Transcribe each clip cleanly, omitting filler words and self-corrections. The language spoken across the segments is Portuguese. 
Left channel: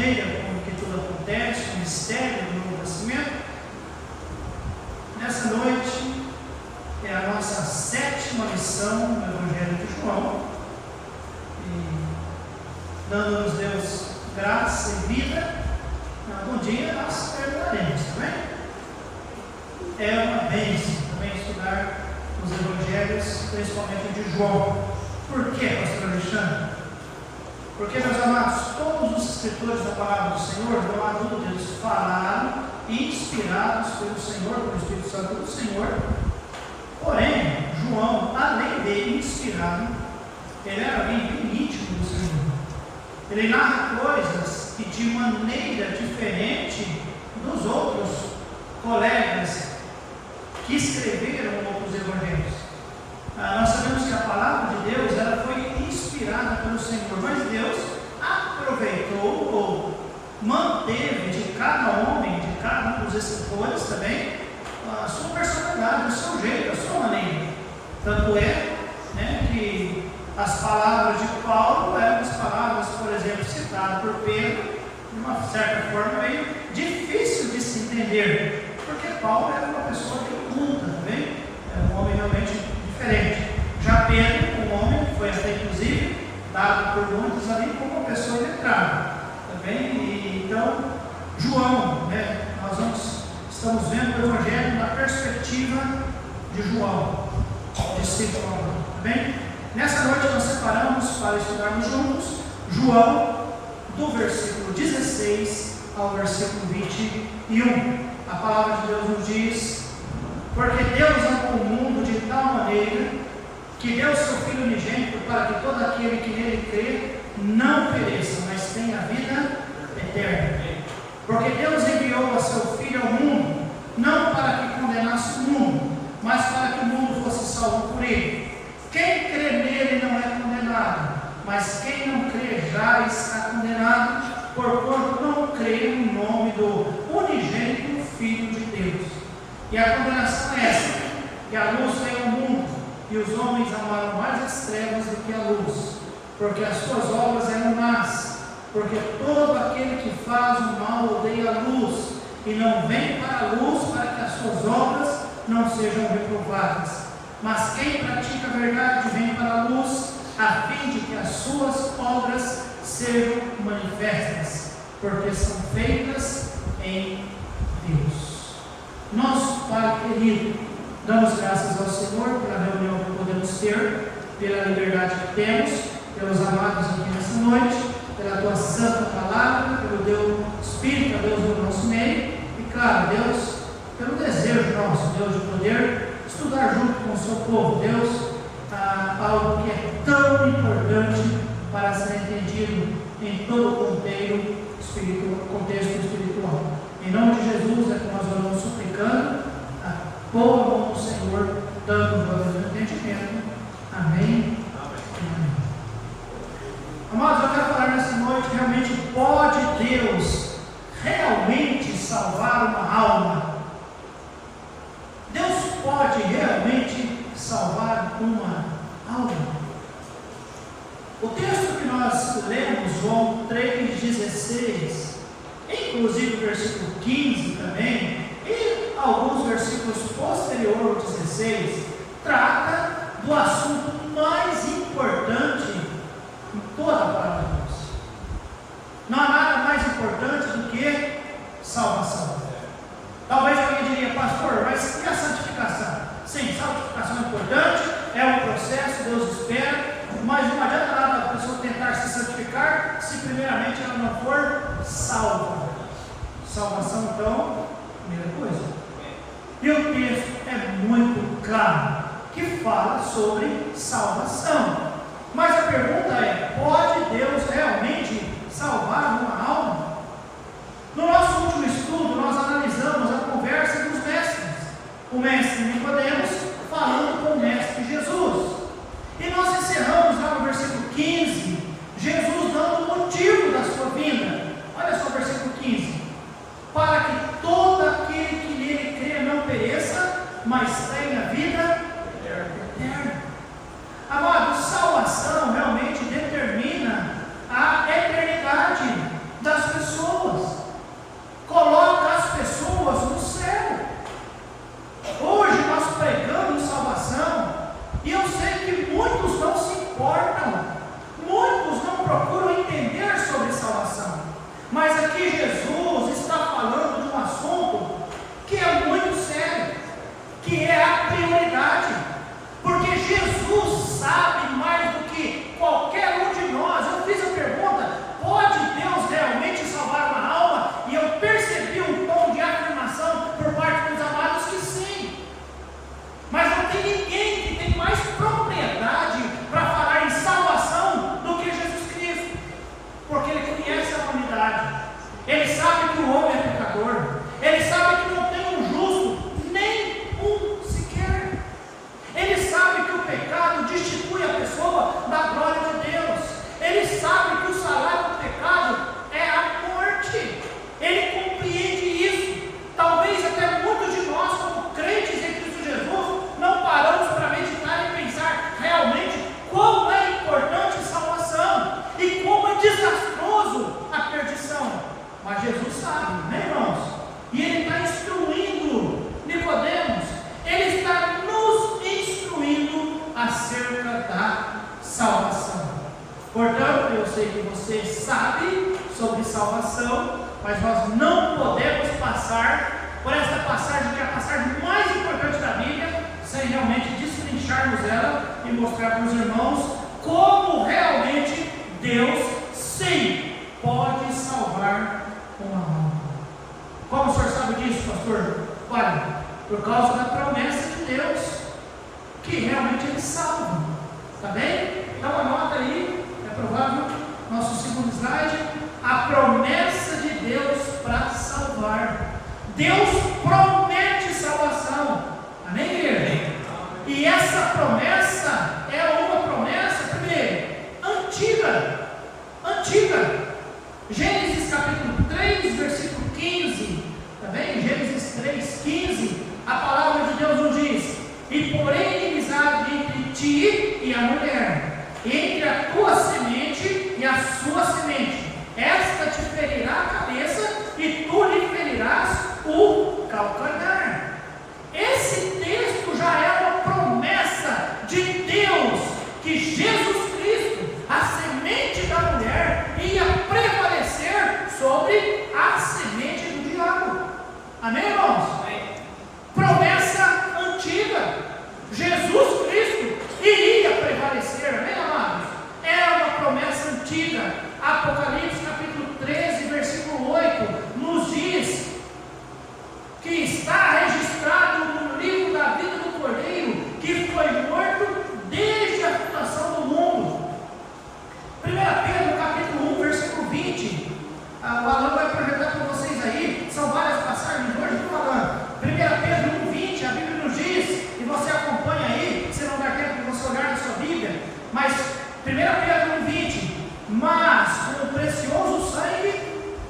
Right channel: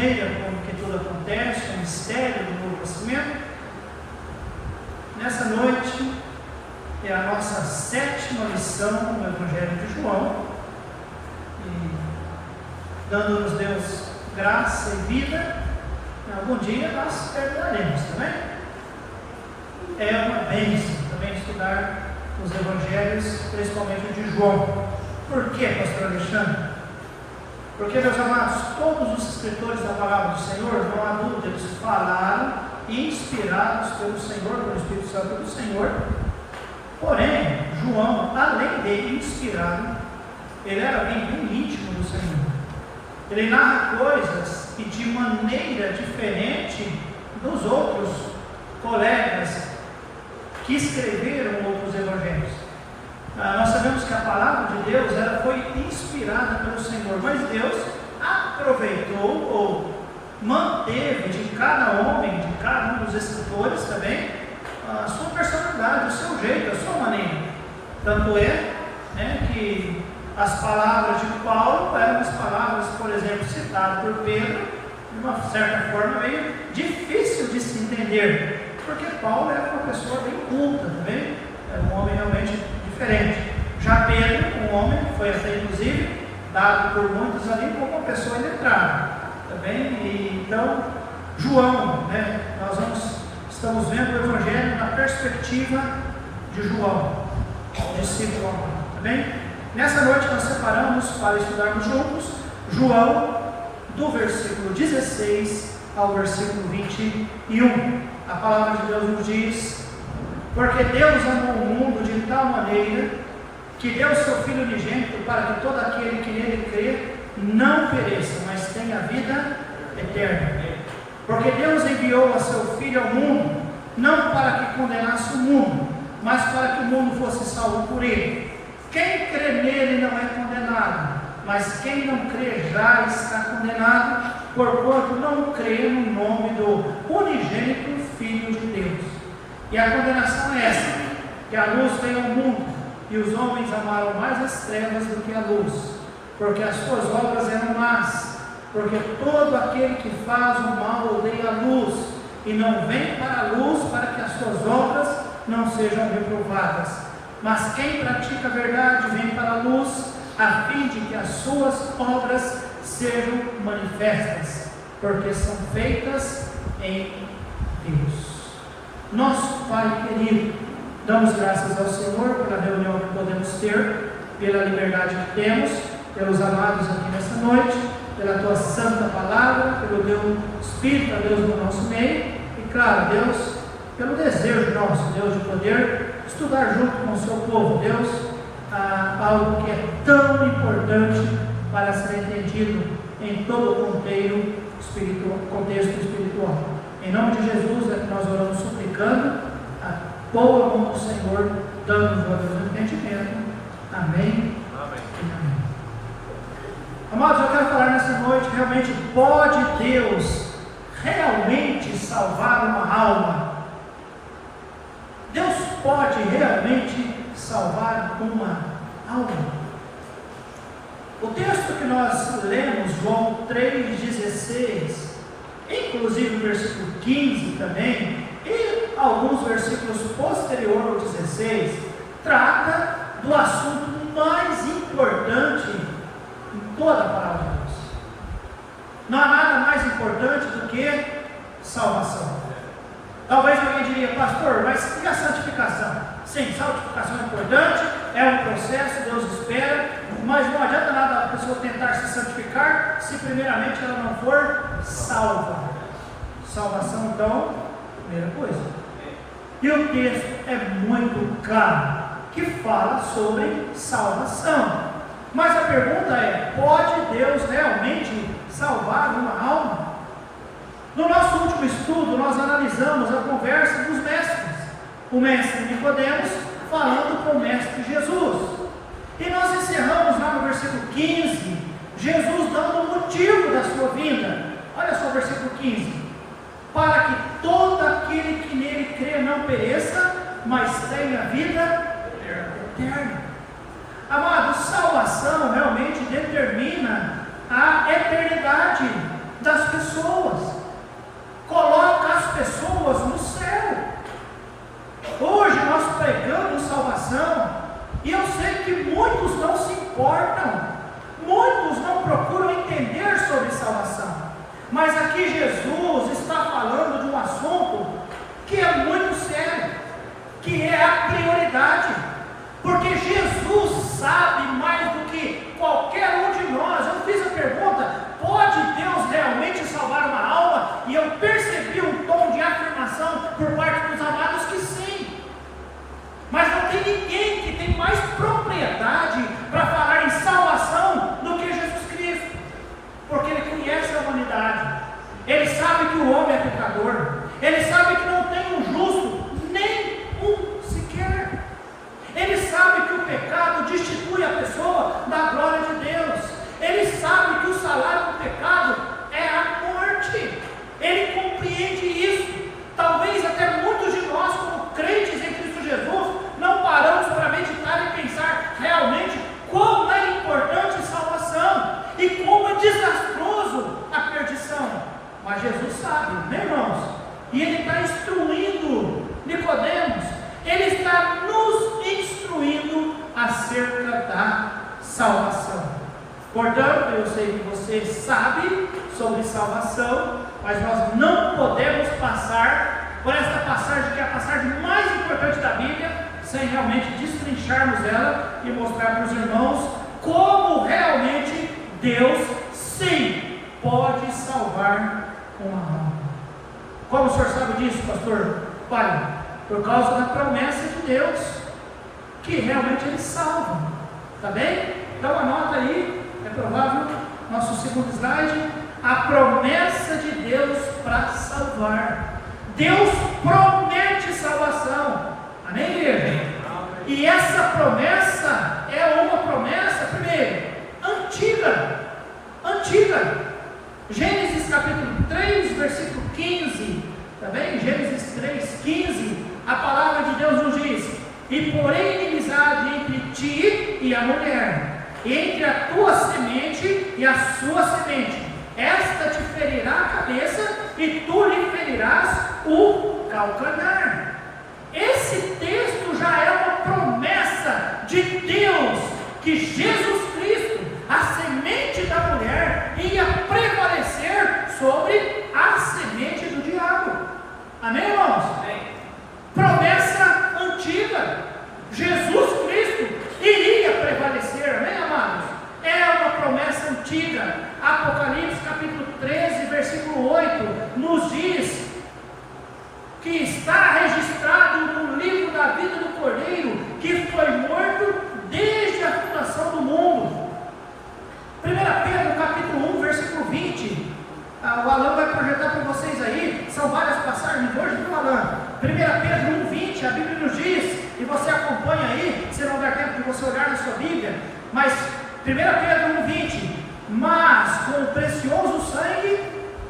maneira como que tudo acontece, o mistério do novo nascimento. Nessa noite é a nossa 7ª lição no Evangelho de João, e dando-nos Deus graça e vida, algum dia nós terminaremos, também. É uma bênção também estudar os Evangelhos, principalmente de João. Por quê, pastor Alexandre? Porque, meus amados, todos os escritores da palavra do Senhor, não há dúvida, eles falaram, inspirados pelo Senhor, pelo Espírito Santo do Senhor. Porém, João, além de inspirado, ele era alguém bem íntimo do Senhor. Ele narra coisas que de maneira diferente dos outros colegas que escreveram outros evangelhos. Nós sabemos que a palavra de Deus ela foi inspirada pelo Senhor, mas Deus aproveitou ou manteve de cada homem, de cada um dos escritores também, a sua personalidade, o seu jeito, a sua maneira. Tanto é, que as palavras de Paulo eram as palavras, por exemplo, citadas por Pedro, de uma certa forma meio difícil de se entender, porque Paulo era uma pessoa bem culta também, era um homem realmente diferente. Já Pedro, um homem que foi até inclusive dado por muitos ali como uma pessoa iletrada também. E então João, nós estamos vendo o Evangelho na perspectiva de João, discípulo, tá bem? Nessa noite nós separamos para estudarmos juntos João do versículo 16 ao versículo 21. A palavra de Deus nos diz: porque Deus amou o mundo de tal maneira que deu o seu Filho unigênito para que todo aquele que nele crê não pereça, mas tenha vida eterna. Porque Deus enviou a seu Filho ao mundo, não para que condenasse o mundo, mas para que o mundo fosse salvo por ele. Quem crê nele não é condenado, mas quem não crê já está condenado, porquanto não crê no nome do unigênito Filho de Deus. E a condenação é esta: que a luz veio ao mundo, e os homens amaram mais as trevas do que a luz, porque as suas obras eram más. Porque todo aquele que faz o mal odeia a luz, e não vem para a luz para que as suas obras não sejam reprovadas. Mas quem pratica a verdade vem para a luz, a fim de que as suas obras sejam manifestas, porque são feitas em Deus. Nosso Pai querido, damos graças ao Senhor pela reunião que podemos ter, pela liberdade que temos, pelos amados aqui nessa noite, pela Tua Santa Palavra, pelo Teu Espírito, a Deus, no nosso meio, e claro, Deus, pelo desejo nosso, Deus, de poder estudar junto com o Seu povo, Deus, algo que é tão importante para ser entendido em todo o contexto espiritual. Em nome de Jesus é que nós oramos suplicando a boa mão do Senhor, dando-nos o entendimento. Amém. Amém. Amados, eu quero falar nessa noite, realmente pode Deus realmente salvar uma alma? Deus pode realmente salvar uma alma? O texto que nós lemos, João 3,16, inclusive o versículo 15 também, e alguns versículos posteriores ao 16, trata do assunto mais importante em toda a palavra de Deus. Não há nada mais importante do que salvação. Talvez alguém diria: pastor, mas e a santificação? Sim, santificação é importante, é um processo, Deus espera, mas não adianta nada a pessoa tentar se santificar se primeiramente ela não for salva. Salvação, então, primeira coisa. E o texto é muito claro, que fala sobre salvação. Mas a pergunta é: pode Deus realmente salvar uma alma? No nosso último estudo, nós analisamos a conversa dos mestres. O mestre Nicodemos falando com o mestre Jesus. E nós encerramos lá no versículo 15, Jesus dando o motivo da sua vinda. Olha só o versículo 15: para que todo aquele que nele crê não pereça, mas tenha vida eterna. Amado, salvação realmente determina a eternidade das pessoas. Mas aqui Jesus está falando de um assunto que é muito sério, que é a prioridade, porque Jesus sabe mais do que qualquer um de nós. Eu fiz a pergunta: pode Deus realmente salvar uma alma? E eu percebi um tom de afirmação por parte dos amados que sim. Mas não tem ninguém que tem mais propriedade para falar em salvação do que Jesus Cristo, porque Ele conhece a humanidade, Ele sabe que o homem é pecador, Ele sabe que não tem um justo, nem um sequer. Ele sabe que o pecado destitui a pessoa da glória de Deus. Ele sabe que o salário do pecado é a morte. Ele compreende isso. Talvez até muitos de nós, como crentes em Cristo Jesus, não paramos para meditar e pensar realmente como é importante a salvação e como é desastroso a perdição. Mas Jesus sabe, né, irmãos? E Ele está instruindo Nicodemos, Ele está nos instruindo acerca da salvação. Portanto, eu sei que você sabe sobre salvação, mas nós não podemos passar por essa passagem, que é a passagem mais importante da Bíblia, sem realmente destrincharmos ela e mostrar para os irmãos como realmente Deus, sim, pode salvar uma alma. Como o senhor sabe disso, pastor? Olha, por causa da promessa de Deus, que realmente Ele salva. Está bem? Então anota aí, é provável, nosso segundo slide, a promessa de Deus para salvar. Deus promete salvação. Amém, igreja? E essa promessa é uma promessa, primeiro, antiga. Gênesis capítulo 3, versículo 15, tá bem? Gênesis 3, 15, a palavra de Deus nos diz: e porém inimizade entre ti e a mulher, entre a tua semente e a sua semente, esta te ferirá a cabeça e tu lhe ferirás o calcanhar. Esse texto já é uma promessa de Deus, que Jesus Cristo, a semente da mulher, ia prevalecer sobre a semente do diabo. Amém, irmãos? Amém. Promessa antiga. Jesus Cristo iria prevalecer, amém, amados? É uma promessa antiga. Apocalipse capítulo 13, versículo 8, nos diz que está registrado no livro da vida do Cordeiro, que foi morto desde a fundação do mundo. 1 Pedro capítulo 1, versículo 20, o Alan vai projetar para vocês aí, são várias passagens, hoje estou falando. 1 Pedro 1, 20, a Bíblia nos diz, e você acompanha aí, se não der tempo de você olhar na sua Bíblia, mas 1 Pedro 1, 20, mas com o precioso sangue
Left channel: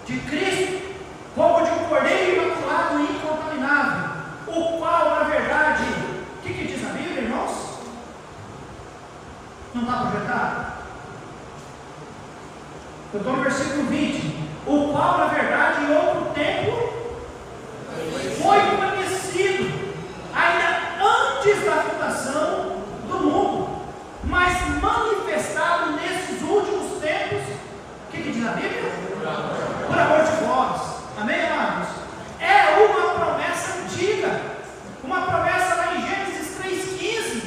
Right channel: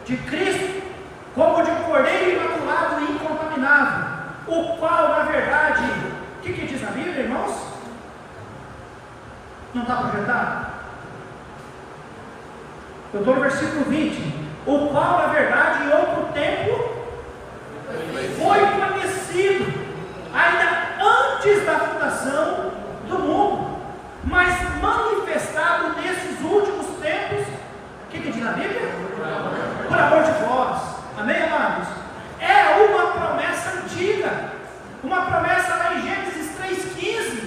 de Cristo, como de um cordeiro imaculado e incontaminável, o qual, na verdade, o que diz a Bíblia, irmãos? Não está projetado? Eu estou no versículo 20, o qual, na verdade, em outro tempo, foi conhecido, ainda antes da fundação do mundo, mas manifestado nesses últimos tempos, o que diz a Bíblia? Por amor de vós. Amém, amados? É uma promessa antiga, uma promessa lá em Gênesis 3,15.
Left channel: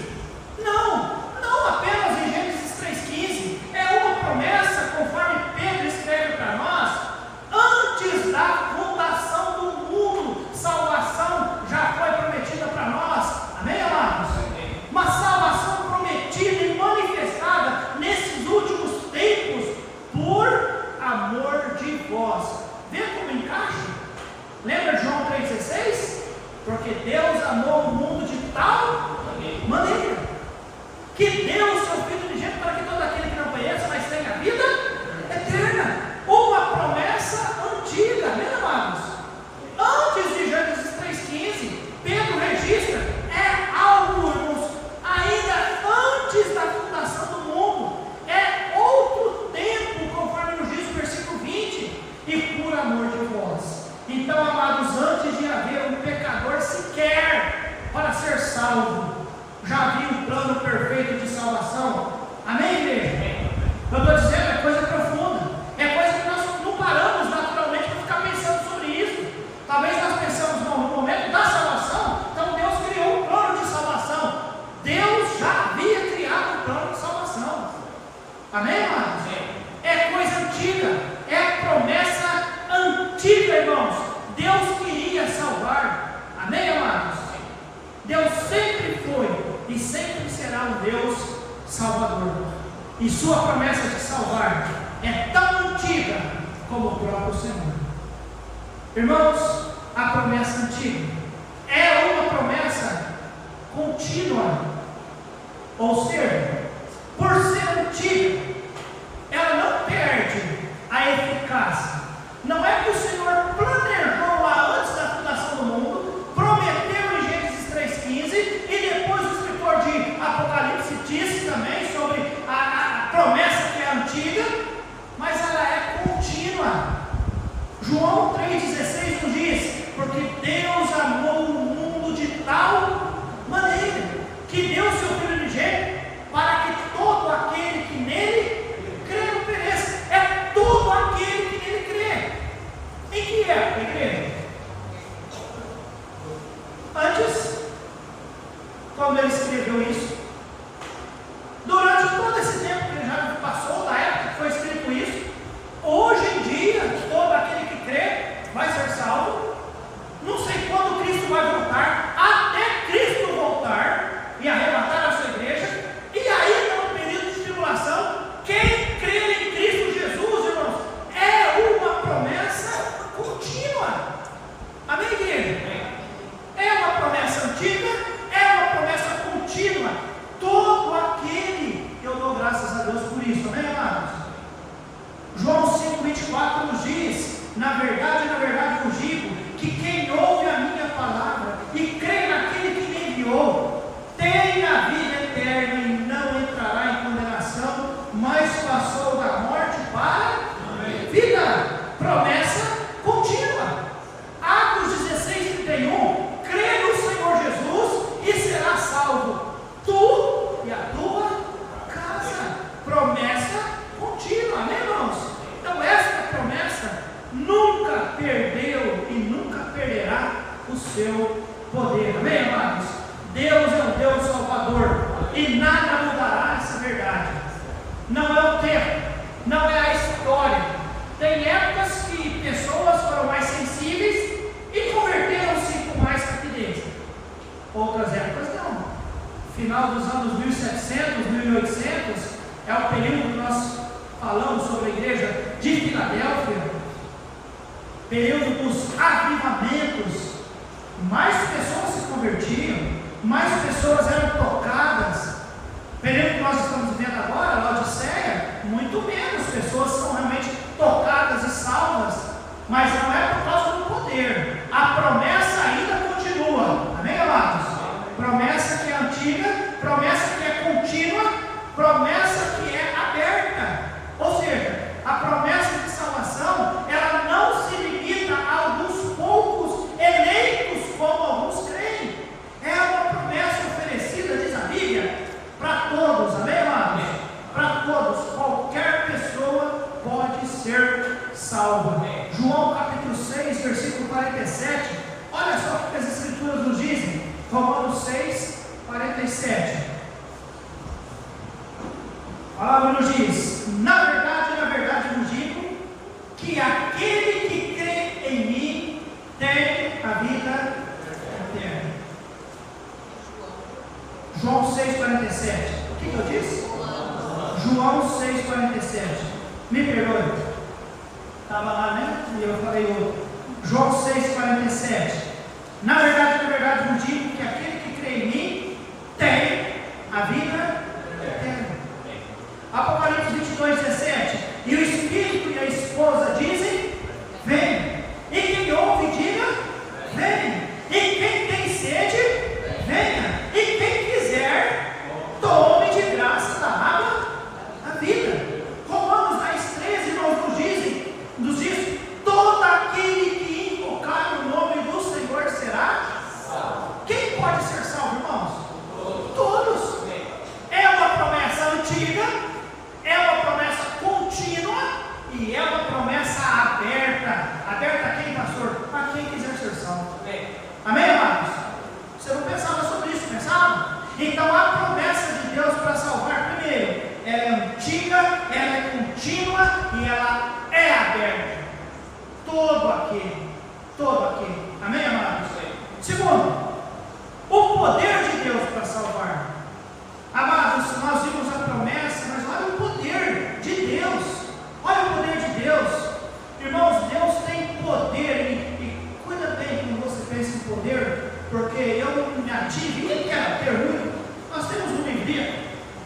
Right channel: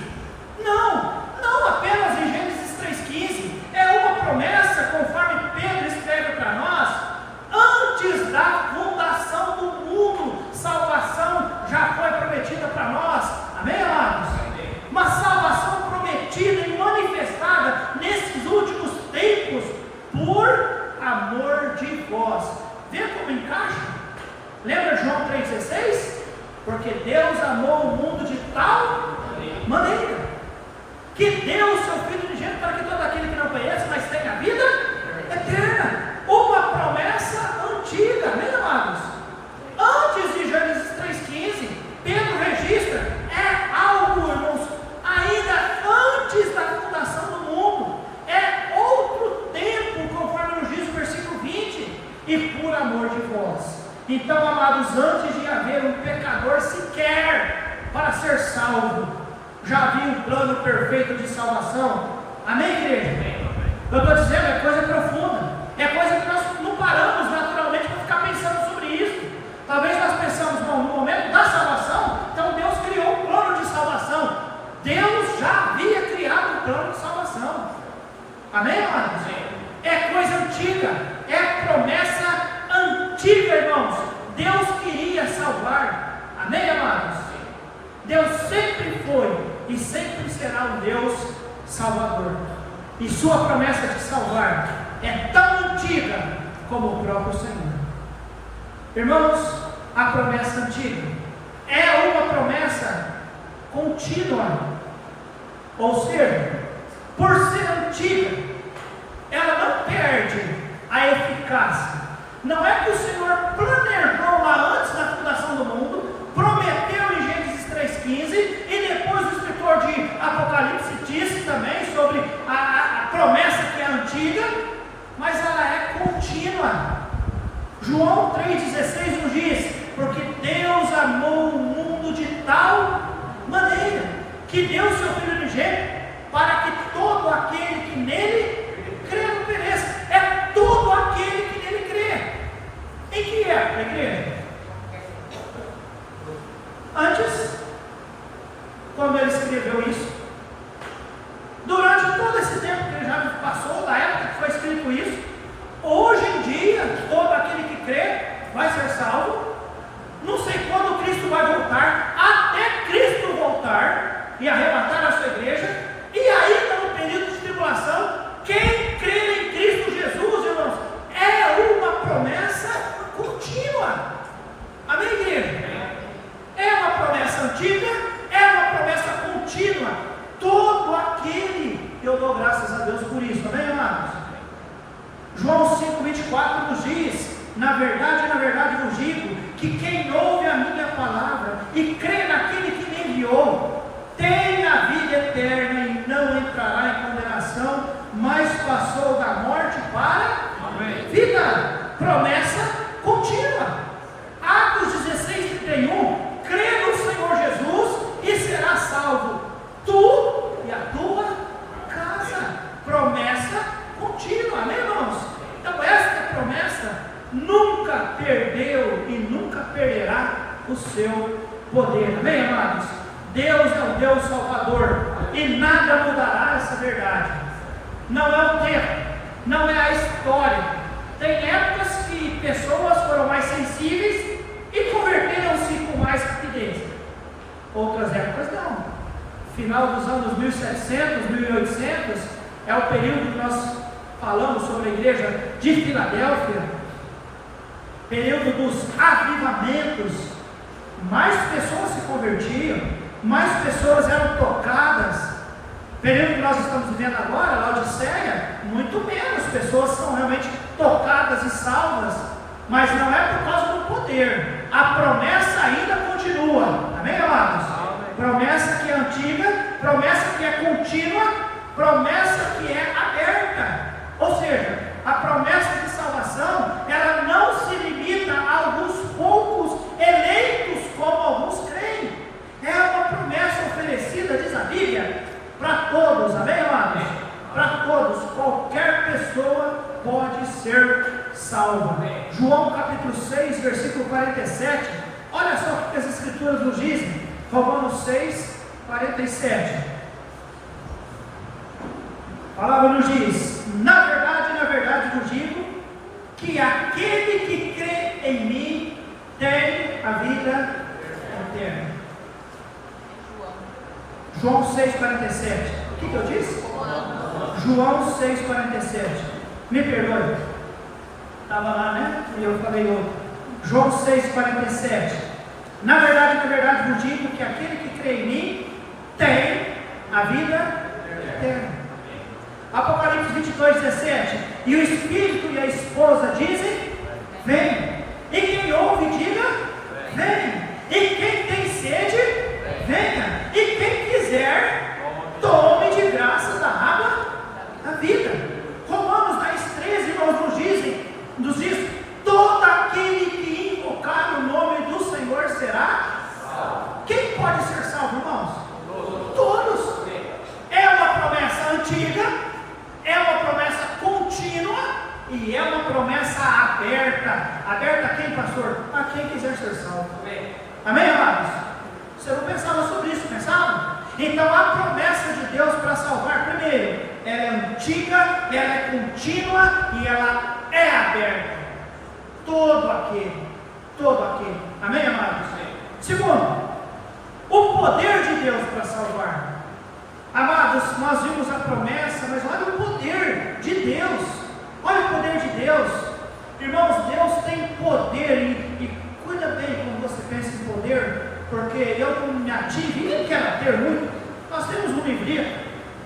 Não apenas em Gênesis 3,15, é uma promessa, conforme Pedro escreve para nós, antes da fundação do mundo, salvação já foi prometida para nós. Amém, amados? Uma salvação prometida e manifestada nesses últimos tempos, por amor de vós. Vê como encaixa? Lembra de João 3,16? Porque Deus amou o mundo de tal maneira que deu o seu Filho unigênito para que todo aquele que não conheça, mas tenha a vida eterna. Uma promessa antiga, né, amados? Antes de Gênesis 3,15, Pedro registra, é algo, irmãos, ainda antes da fundação do mundo, é outro tempo, conforme nos diz o versículo 20, e por amor de vós. Então, amados, antes de haver um pecador sequer para ser salvo, já havia um plano perfeito de salvação. Amém, igreja? Eu estou dizendo, é coisa profunda, é coisa que nós não paramos na Amém, amados? É coisa antiga, é promessa antiga, irmãos. Deus queria salvar. Amém, amados? Deus sempre foi e sempre será um Deus salvador. E sua promessa de salvar é tão antiga como o próprio Senhor. Irmãos, a promessa antiga é uma promessa contínua. Ou seja, por ser antiga, ela não perde a eficácia. Não é que o Senhor planejou lá antes da fundação do mundo, prometeu em Gênesis 3,15, e depois o escritor de Apocalipse disse também sobre a promessa que é antiga, mas ela é contínua. João 3,16 nos diz: porque Deus amou o mundo de tal maneira que deu seu Filho unigênito, para que todo aquele que nele crê não pereça. É todo aquele que nele crê. Em que época, igreja? Antes, quando ele escreveu isso, durante todo esse tempo que ele já passou, da época que foi escrito isso, hoje em dia, todo aquele que crê vai ser salvo. Não sei quando Cristo vai voltar, até Cristo voltar e arrebatar a sua igreja, e ainda no período de tribulação, quem crê em Cristo Jesus, irmãos, é uma promessa contínua. Amém, igreja? É uma promessa antiga, é uma promessa contínua. Todo aquele, eu dou graças a Deus por isso, amém, amados? João 5,24 nos diz: na verdade vos digo, que quem ouve a minha palavra e crê naquele que me enviou, tem a vida eterna e não entrará em condenação, mas passou da morte para a vida. Promessa contínua. Atos 16:31, crê no Senhor Jesus e será salvo, tu e a tua casa. Promessa contínua, amém, irmãos? Então esta promessa nunca perdeu e nunca perderá o seu poder, amém, amados? Deus é o Deus Salvador e nada mudará essa verdade. Não é o tempo, não é a história. Tem épocas que pessoas foram mais sensíveis e converteram-se com mais rapidez. Outras épocas não. Final dos anos 1700, 1800 é o período que nós falamos sobre a igreja de Filadélfia, período dos avivamentos. Mais pessoas se convertiam, mais pessoas eram tocadas. Período que nós estamos vivendo agora, Laodiceia, muito menos pessoas são realmente tocadas e salvas, mas não é por causa do poder. A promessa ainda continua, amém, amados? Promessa que é antiga, promessa que é contínua, promessa que é aberta. Ou seja, a promessa de salvação, ela não se limita a alguns poucos eleitos, como alguns creem. É uma promessa oferecida, diz a Bíblia, para todos, amém, amados? Para todos, qualquer pessoa pode ser salva. João capítulo 6, versículo 47, olha só o que as escrituras nos dizem. Romanos 6, 47. A palavra nos diz: na verdade vos digo, que aquele que crê em mim tem a vida eterna. João 6,47. O que eu disse? João 6,47. Me perdoe. Estava lá, né? E eu falei outro. João 6,47. Na verdade vos digo, que aquele que crê em mim tem a vida eterna. Apocalipse 22:17. E o Espírito e a esposa dizem: vem. E quem ouve, diga: vem. E quem tem sede, venha. E quem quiser, tome de graça da água da vida. Romanos 10:13, irmãos, nos diz: todo aquele que invocar o nome do Senhor será salvo. Quem pode ser salvo, irmãos? Todos. É uma promessa antiga, é uma promessa contínua e é uma promessa aberta. Aberta a quem, pastor? A quem quiser ser salvo. Amém, amados? Você não pensava sobre isso, pensava? Então a promessa de Deus para salvar, primeiro, ela é antiga, ela é contínua e ela é aberta. Todo aquele. Amém, amados? Segundo, o poder de Deus para salvar. Amados, nós vimos a promessa, mas olha o poder de Deus. Olha o poder de Deus. Irmãos, Deus tem poder e cuida bem quando você pensa em poder, porque eu não me ativo, nem quero ter muito. Nós temos uma igreja,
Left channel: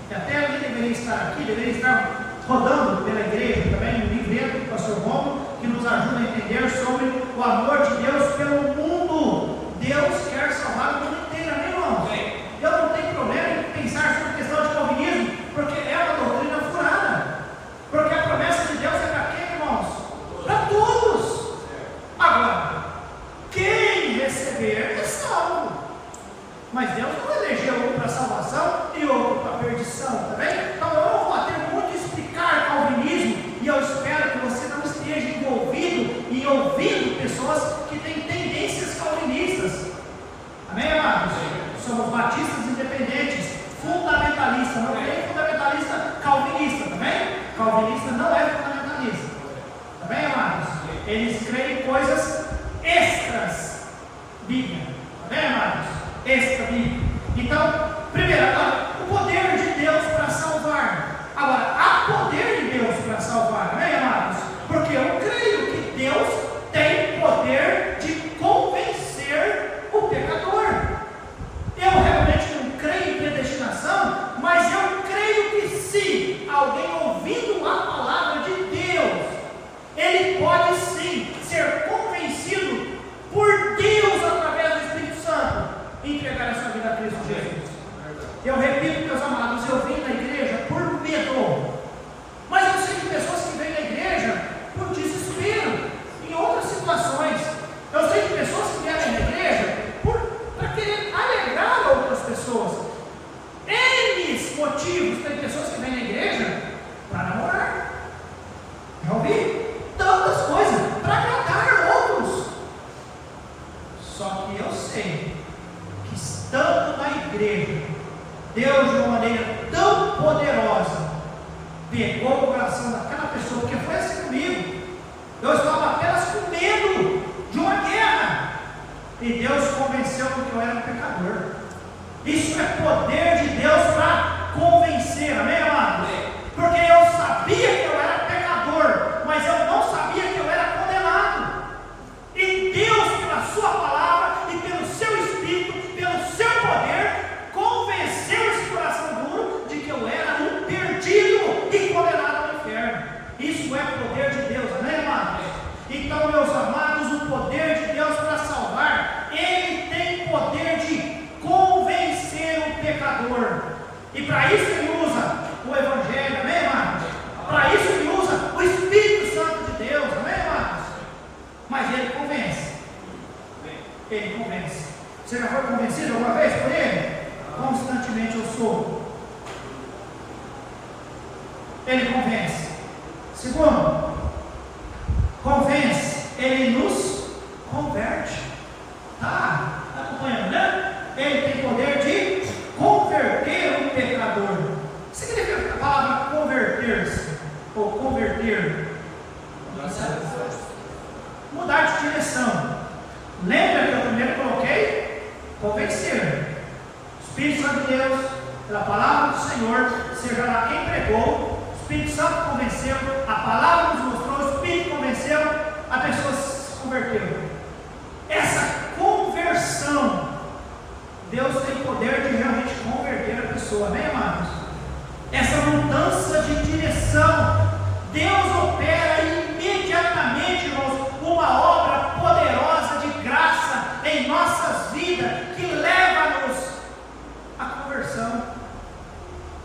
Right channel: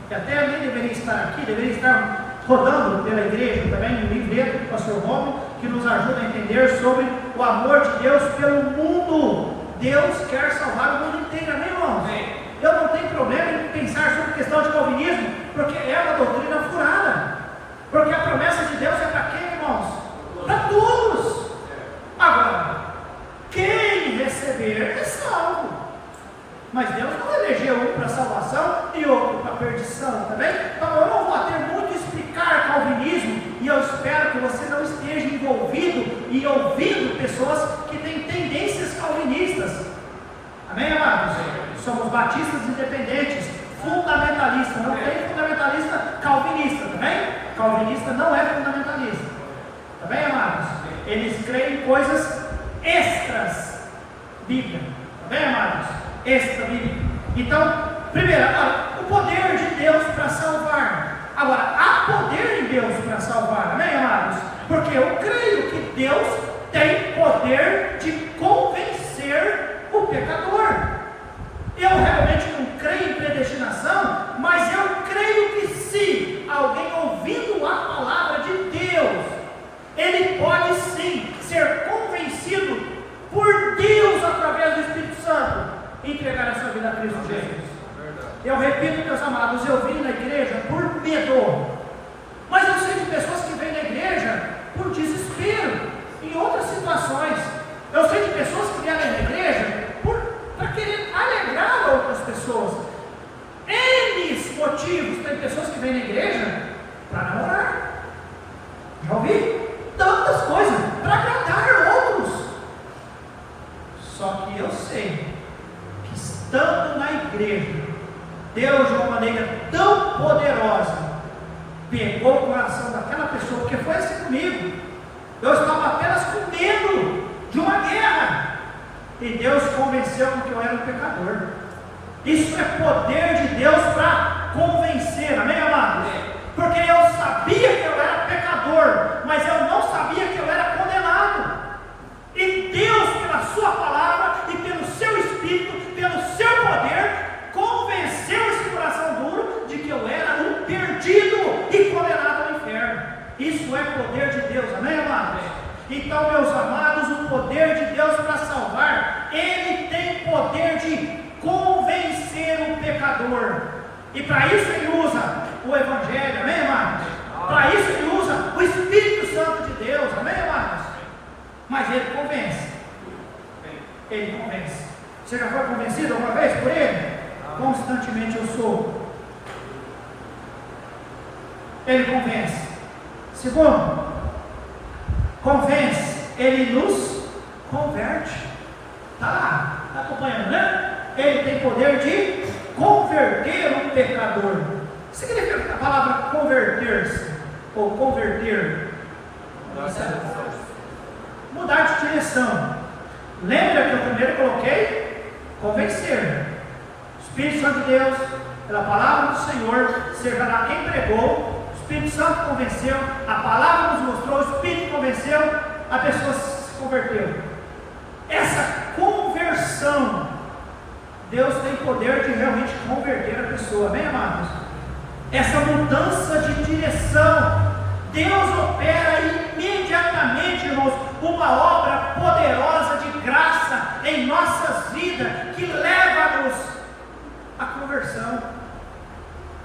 que até alguém deveria estar aqui, deveria estar rodando pela igreja também, no livreto do pastor Romo, que nos ajuda a entender sobre o amor de Deus pelo mundo. Deus quer salvar o mundo inteiro, amém, irmãos? Eu não tenho problema em pensar sobre a questão de calvinismo, porque é uma doutrina furada. Porque a promessa de Deus é para quem, irmãos? Para todos. Agora, quem receber é salvo. Mas Deus não elegeu um para salvação e outro para perdição, tá bem? Então eu não vou ter muito explicar calvinismo, e eu espero que você não esteja envolvido e ouvindo pessoas que têm tendências calvinistas. Amém, amados? Somos batistas independentes, fundamentalistas, não tem fundamentalista calvinista, tá bem? Calvinista não é fundamentalista, tá bem, amados? Eles creem em coisas extras Bíblia, tá bem, amados? Extra Bíblia. Então, primeiro, agora, o poder de Deus para salvar. Agora, há poder de Deus para salvar, amém, amados? Porque eu creio que Deus tem poder de convencer o pecador. Eu realmente não creio em predestinação, mas eu creio que se alguém ouvindo a palavra de Deus, ele pode sim ser convencido por Deus através do Espírito Santo e entregar a sua vida a Cristo Jesus. Eu repito, meus amados, eu vim na igreja por medo, mas eu sei de pessoas que vêm na igreja por desespero, em outras situações. Eu sei de pessoas que vêm na igreja para querer alegrar outras pessoas. N motivos. Tem pessoas que vêm na igreja para namorar. Já ouvi? Tantas coisas para agradar outros. Só que eu sei que estando na igreja, Deus de uma maneira tão poderosa pegou o coração daquela pessoa, porque foi assim comigo. Eu estava apenas com medo de uma guerra, e Deus convenceu que eu era um pecador. Isso é poder de Deus para convencer, amém, amados? Porque eu sabia que eu era pecador, mas eu não sabia que eu era condenado. E Deus, pela sua palavra e pelo seu Espírito, pelo seu poder, convenceu esse coração duro de que eu era um perdido e condenado ao inferno. Isso é poder de Deus, amém, amados? Então, meus amados, o poder de Deus para salvar, Ele tem poder de convencer o pecador. E para isso Ele usa o Evangelho, amém, amados? Para isso Ele usa o Espírito Santo de Deus, amém, amados? Mas Ele convence. Ele convence. Você já foi convencido alguma vez por Ele? Constantemente eu sou. Ele convence. Segundo, convence, Ele nos converte. Tá acompanhando, né? Ele tem poder de converter um pecador. O que significa a palavra converter-se? Ou converter? Mudar de direção. Lembra que eu primeiro coloquei? Convencer. Espírito Santo de Deus, pela palavra do Senhor, seja lá quem pregou, o Espírito Santo convenceu, a palavra nos mostrou, o Espírito convenceu, a pessoa se converteu. Essa conversão, Deus tem poder de realmente converter a pessoa, amém, amados? Essa mudança de direção, Deus opera imediatamente, irmãos, uma obra poderosa de graça em nossas vidas, que leva-nos à conversão.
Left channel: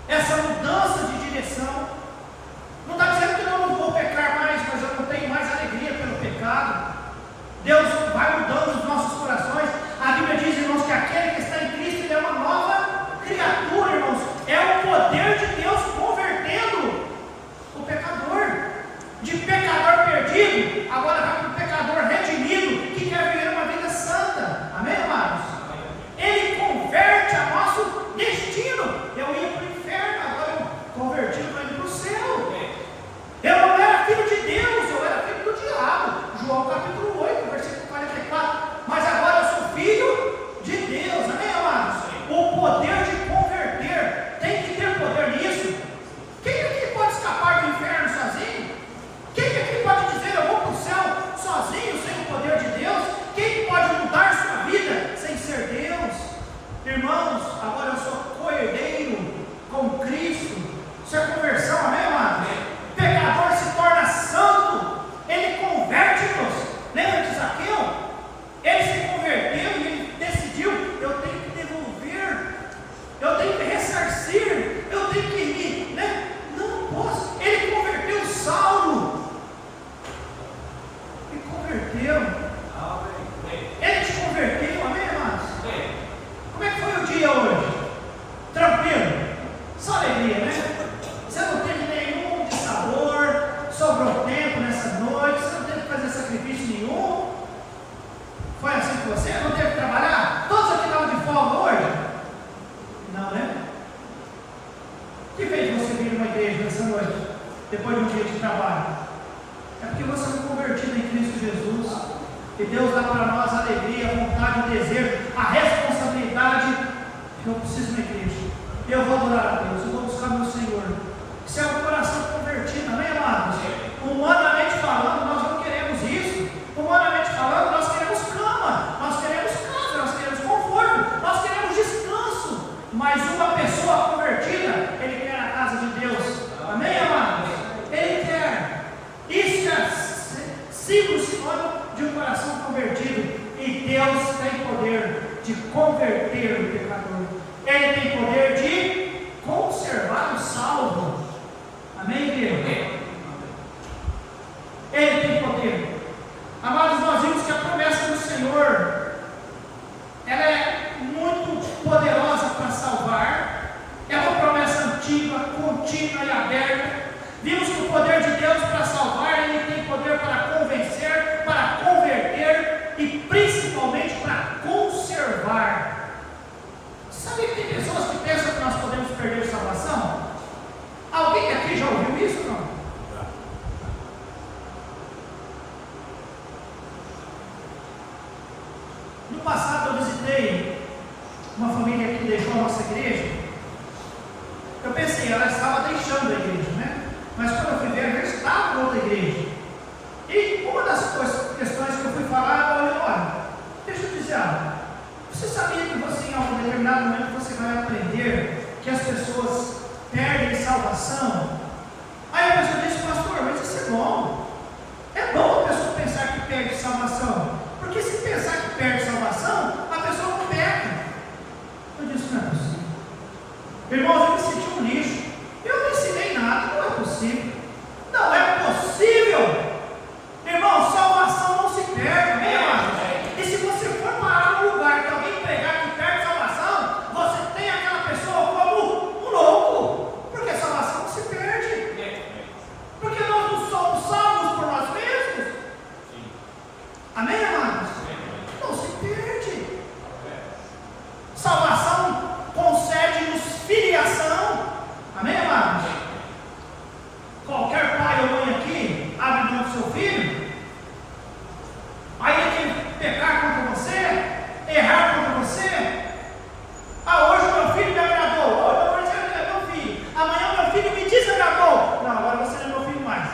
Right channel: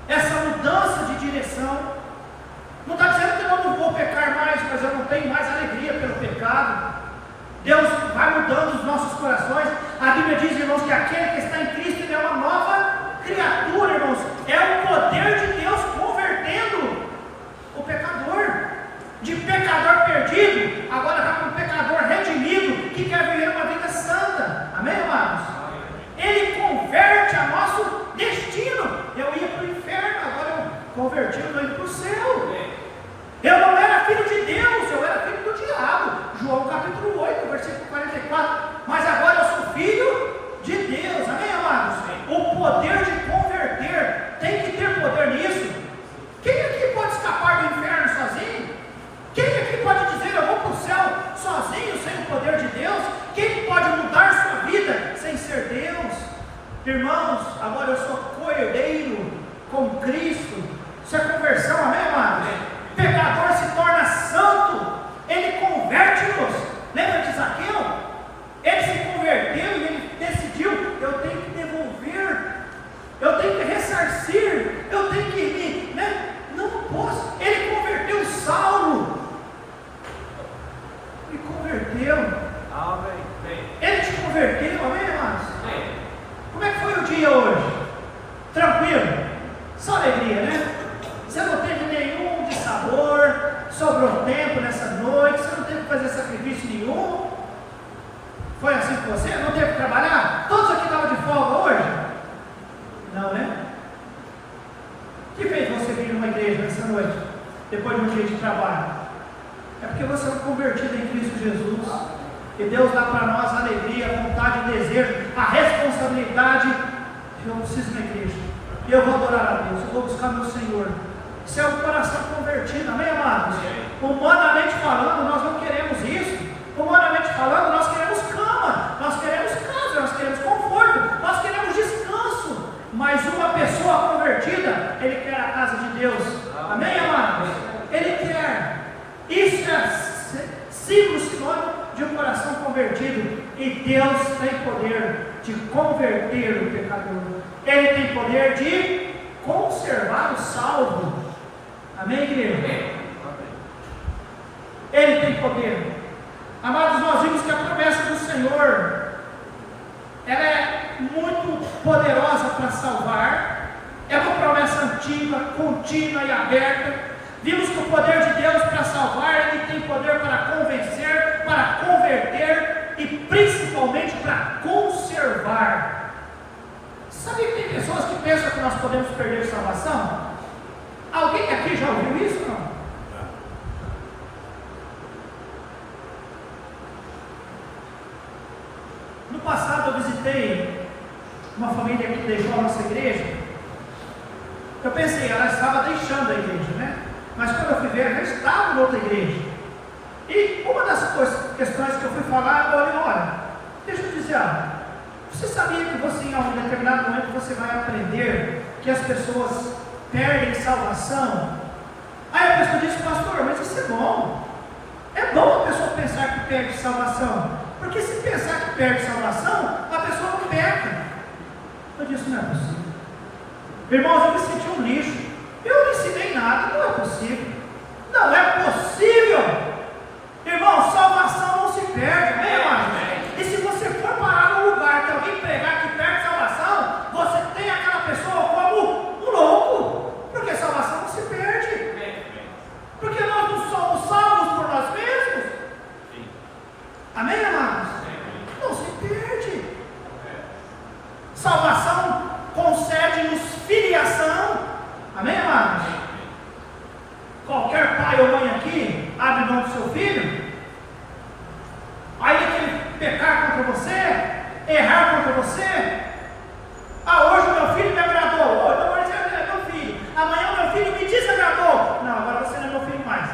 Essa mudança de direção, não está dizendo que eu não vou pecar mais, mas eu não tenho mais alegria pelo pecado. Deus vai mudando os nossos corações. A Bíblia diz, irmãos, que aquele que está em Cristo, ele é uma nova criatura, irmãos. É o poder de Deus convertendo o pecador, de Irmãos, agora eu sou co-herdeiro com Cristo. Isso é conversão, amém, amados? Pecador se torna santo, ele converte-nos. Lembra de Zaqueu? Ele se converteu e ele decidiu: eu tenho que devolver, eu tenho que ressarcir, eu tenho que ir, né? Não posso. Ele converteu Saulo. Ele converteu. Ele te converteu, amém, amados? Como é que foi o dia hoje? Tranquilo? Só alegria, né? Você não teve nenhum dissabor, sobrou tempo nessa noite, você não teve que fazer sacrifício nenhum. Foi assim com você? Não teve que trabalhar? Todos aqui estavam de folga hoje? Não, né? O que fez você vir numa igreja nessa noite, depois de um dia de trabalho? É porque você foi convertido em Cristo Jesus. E Deus dá para nós a alegria, a vontade, o desejo, a responsabilidade. Eu preciso ir na igreja. E eu vou adorar a Deus, eu vou buscar meu Senhor. Isso é um coração convertido, amém, amados? Humanamente falando, nós não queremos isso. Humanamente falando, nós queremos cama, nós queremos casa, nós queremos conforto, nós queremos descanso. Mas uma pessoa convertida, ele quer a casa de Deus, amém, amados? Ele quer. Isso é sinônimo de um coração convertido. E Deus tem poder de converter o pecador. Ele tem poder de conservar o salvo. Amém, igreja? Ele tem poder. Amados, nós vimos que a promessa do Senhor, ela é muito poderosa para salvar. É uma promessa antiga, contínua e aberta. Vimos que o poder de Deus para salvar, Ele tem poder para convencer, para converter e principalmente para conservar. Sabe que tem pessoas que pensam que nós podemos perder salvação? Alguém aqui já ouviu isso ou não? No passado eu visitei uma família que deixou a nossa igreja. Eu pensei, ela estava deixando a igreja, né? Mas quando eu fui ver, ela já estava em outra igreja. E uma das questões que eu fui falar, eu falei: olha, deixa eu dizer algo. Você sabia que você, em algum determinado momento, você vai aprender que as pessoas perdem salvação? Aí a pessoa disse: pastor, mas isso é bom. É bom a pessoa pensar que perde salvação. Porque se pensar que perde salvação, a pessoa não peca. Eu disse: não é possível. Irmãos, eu me senti um lixo. Eu não ensinei nada, não é possível. Não é possível. Irmão, salvação não se perde, amém, irmãos? E se você for parar num lugar que alguém pregar que perde salvação, você tem aquela pessoa como um louco. Porque salvação não se perde. Porque nós não somos salvos por nós mesmos. Amém, amados? Não se perde. Salvação concede-nos filiação. Amém, amados? Qualquer pai ou mãe aqui abre mão do seu filho, aí ele tem pecar contra você, errar contra você. Ah, hoje o meu filho me agradou, hoje é meu filho, amanhã o meu filho me desagradou. Não, agora você não é meu filho mais.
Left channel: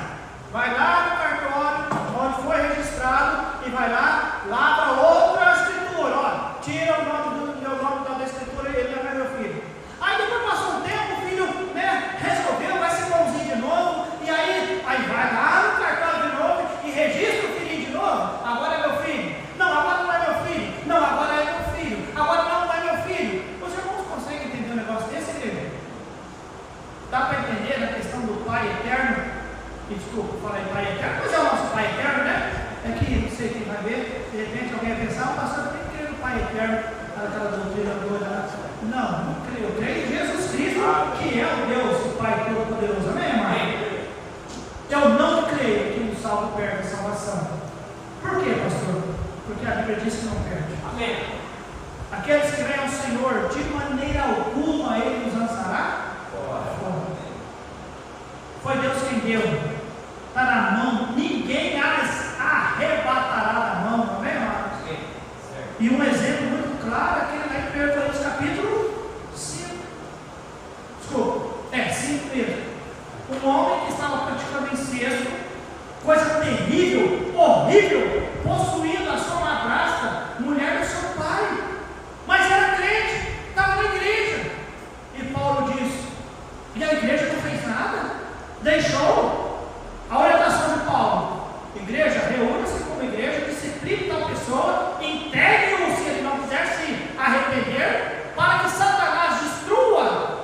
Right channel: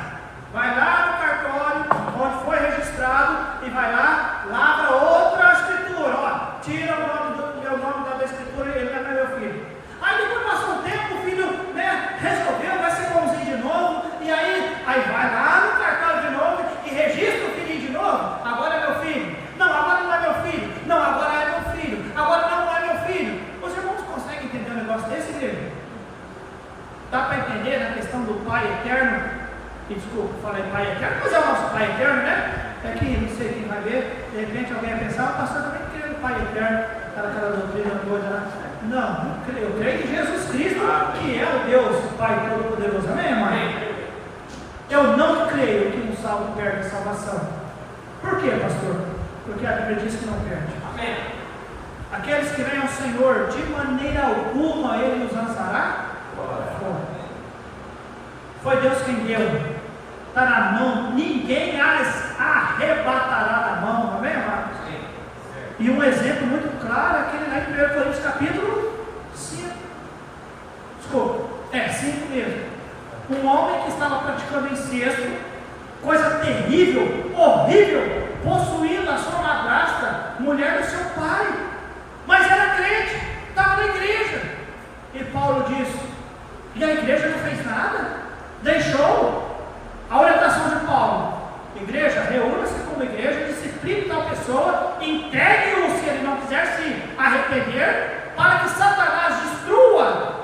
Vai lá no cartório onde foi registrado e vai lá, lava outra escritura, ó, tira o nome da escritura e ele não é meu filho. Aí depois passou um tempo, o filho, né, resolveu, vai ser bonzinho de novo, e aí vai lá no cartório de novo e registra o filhinho de novo. Agora é meu filho. Não, agora não é meu filho. Não, agora é meu filho. Agora não é meu filho. Os irmãos conseguem entender um negócio desse, igreja? Dá para entender na questão do Pai Eterno? E desculpa, eu falei Pai Eterno, mas é o nosso Pai Eterno, né? É que não sei quem vai ver, de repente alguém vai pensar: o pastor também crê no Pai Eterno, aquela doutrina toda lá. Não creio. Eu creio em Jesus Cristo, que é o Deus, o Pai Todo-Poderoso. Amém, irmão? Eu não creio que um salvo perde a salvação. Por quê, pastor? Porque a Bíblia diz que não perde. Amém. Aqueles que vêm ao Senhor, de maneira alguma Ele nos lançará fora. Foi Deus quem deu. Está na mão. Ninguém as arrebatará da mão. Amém, irmão? E um exemplo muito claro, aquele lá em 1 Coríntios capítulo 5. Desculpa, 5 mesmo. Um homem que estava praticando incesto, coisa terrível, horrível, possuindo a sua madrasta, mulher do seu pai. Mas era crente. E a igreja não fez nada, deixou a orientação de Paulo. Igreja, reúna-se como igreja, discipline tal pessoa, integre-o se ele não quiser se arrepender, para que Satanás destrua